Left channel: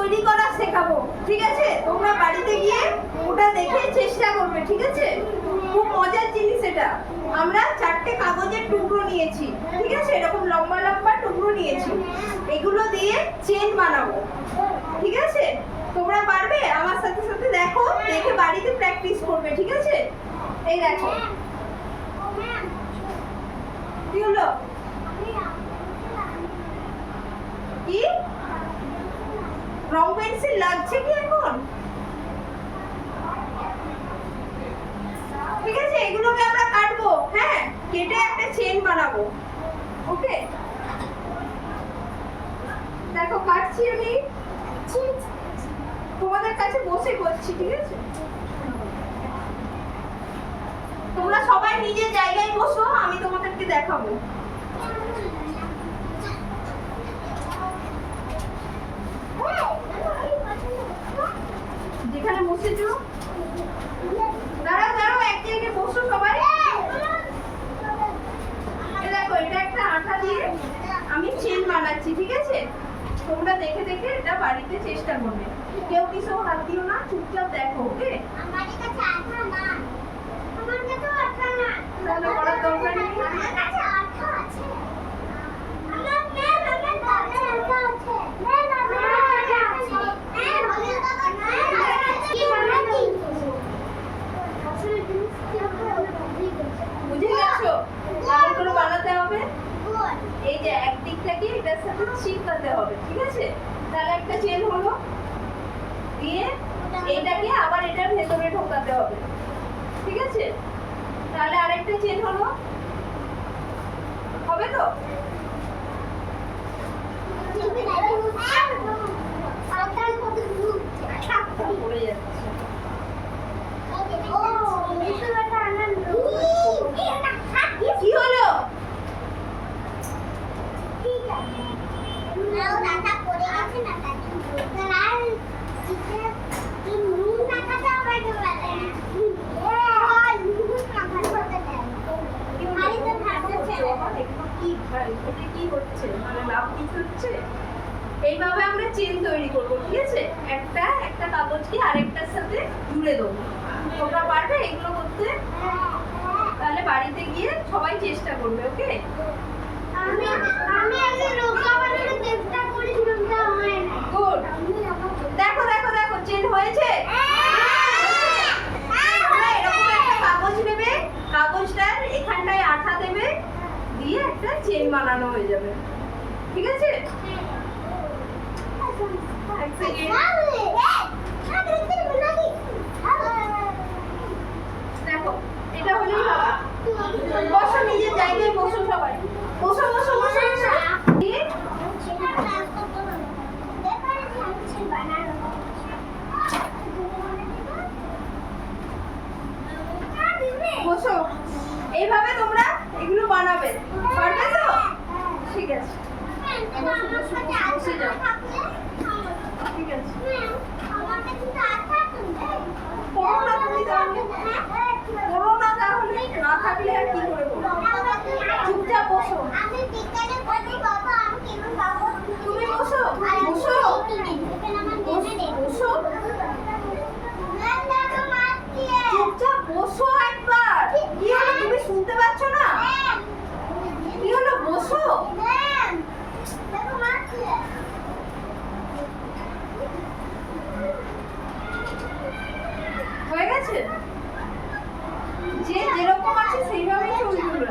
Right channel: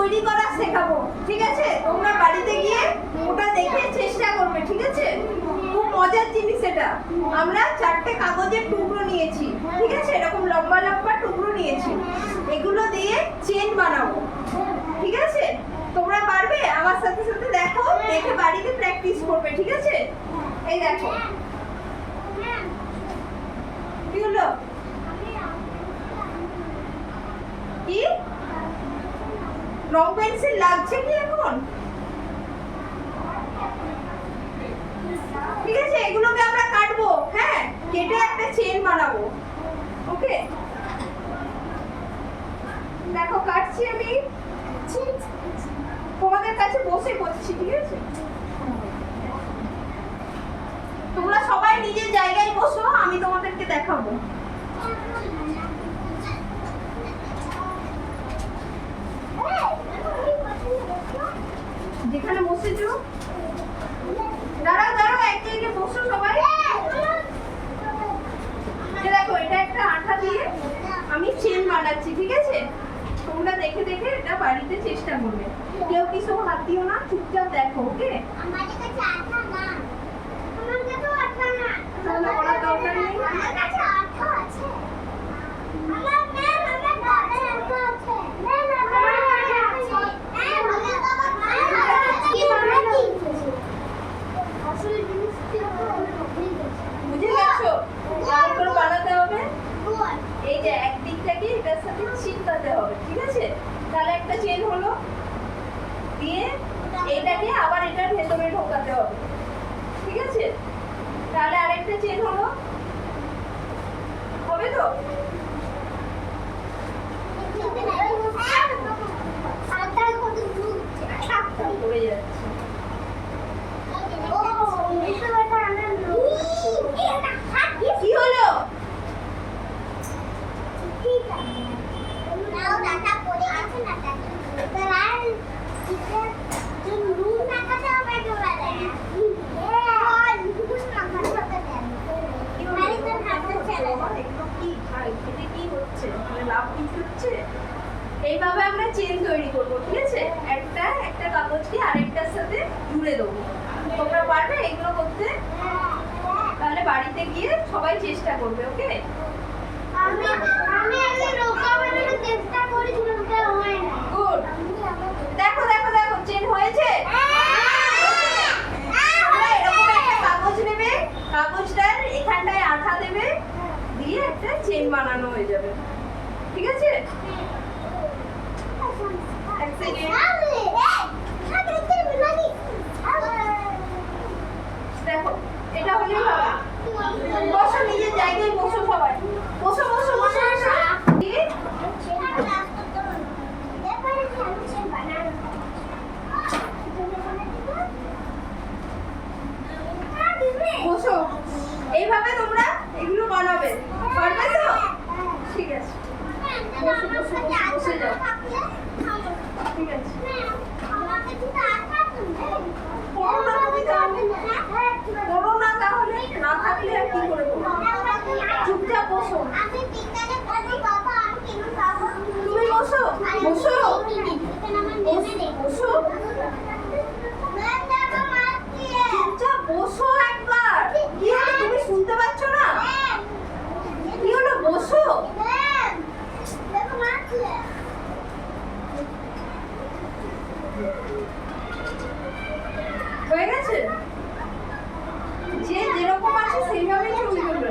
তৈরি করা শেখাবো, ঠিক আছে? তোমরা বাড়িতে গিয়ে ওটা দেখে চেষ্টা করবে, ঠিক আছে? খুব মজার জিনিস এটা। আমরা 4টে কাগজের টুকরো নিয়েছি, ঠিক আছে? এরকম লম্বা লম্বা টুকরো নিয়েছি, এগুলো দিয়ে চেন বানাবো, ঠিক আছে? তোমরা পারবে? আমার সাথে সাথে দেখো, দেখে বাড়িতে প্র্যাকটিস করবে, ঠিক আছে? এই দেখো কি হলো, কি রং পেন্সিল লাগছে কি এখন? ঠিক আছে, এগুলোকে আমরা কাটবো, হ্যাঁ, কেটে একটা চেন বানাবো, ওকে? দেখো কাটছি আমি, তোমাদের কাছে বসে করছি, ঠিক আছে? তোমরা সবাই নিজের জায়গায় বসো, আমি তোমাদেরকে দেখাবো। যেখানে বসেছো, দাঁড়াও দাঁড়াও, এক জায়গায় বসো সবাই। দেখো এটা একটা আঠা দিয়ে আমি চেন বানাচ্ছি, ঠিক আছে? তোমরা দেখে দেখে এটা বাড়িতে চেষ্টা করবে, কেউ কিছু হাত দিও না, চুপচাপ দেখো, ওকে? আমার কাছে আঠা না, আমার কাছে আঠা না, তাহলে করার দরকার নেই। আমার কাছে আঠা আছে, আমার ম্যাম আমার কাছে আঠা আছে, ম্যাম আমার কাছে আঠা আছে, ম্যাম আমার কাছে কি বানাচ্ছি আসলে জিনিস কি বুঝে গেছো কেমন করে বানাতে হবে? গুড এই যে একদিকটাকে এটার সাথে চিপকাতে হবে, ঠিক আছে? তাহলে একটা চেন হলো, দিয়ে এটাকে আবার এটার ভেতরে ঢোকাতে হবে, ঠিক আছে? তাহলে আরেকটা চেন হলো, হবে তো? আঠার কত দূর পড়ে যাচ্ছে। ও এটা একটা আনন্দ এটা হাত কি হলো? ঠিক আছে নাও দাদা পড়ে গেছে না দাদা লাল যে নুন না খাতে আবার ডোলা দেয় কি হচ্ছে, মানে লাভ কিছু হচ্ছে? এইভাবে আমরা চেন তৈরি করবো, ঠিক আছে? একটা একটা কাগজকে আরেকটার সাথে জুড়ে দেবো। তোমরা পারবে এগুলো করতে? তাহলে বাড়িতে গিয়ে সবাই চেষ্টা করবে, ওকে? আমি আমি আগে নৌকা বানানোর চেষ্টা করেছিলাম তা হয় না গুড। দেখো দেখো দেখো, চেন হয়েছে। তোমরা এরকম একটা কাগজ নেবে, কাগজটার এখানটায় আঠা দেবে, দিয়ে একটা চেন বানানো হয়ে যাবে, ঠিক আছে? এক সেকেন্ড, দেখো এটা হলেই হবে। বসো নিজের জায়গায়, বসো সবাই, বসো বসো বসো বসো। দিয়ে বসো, এইভাবে তোমরা এগুলো বানাবে, পারবে তো? ঠিক আছে, বসো বসো বসো, বসে যাও, ঠিক আছে? পড়ো না তুমি তাহলে, পড়ো না তাহলে, না থাকলে আর কি করে পড়ো? চুপচাপ বসো, তুমি বসো বসো বসো, চুপচাপ বসো একবার। কি হলো, তুমি শুনতে পাচ্ছ না? কি হলো, বসো। হয়ে গেছে? যে যেরকম আছে সেইভাবেই চলবে।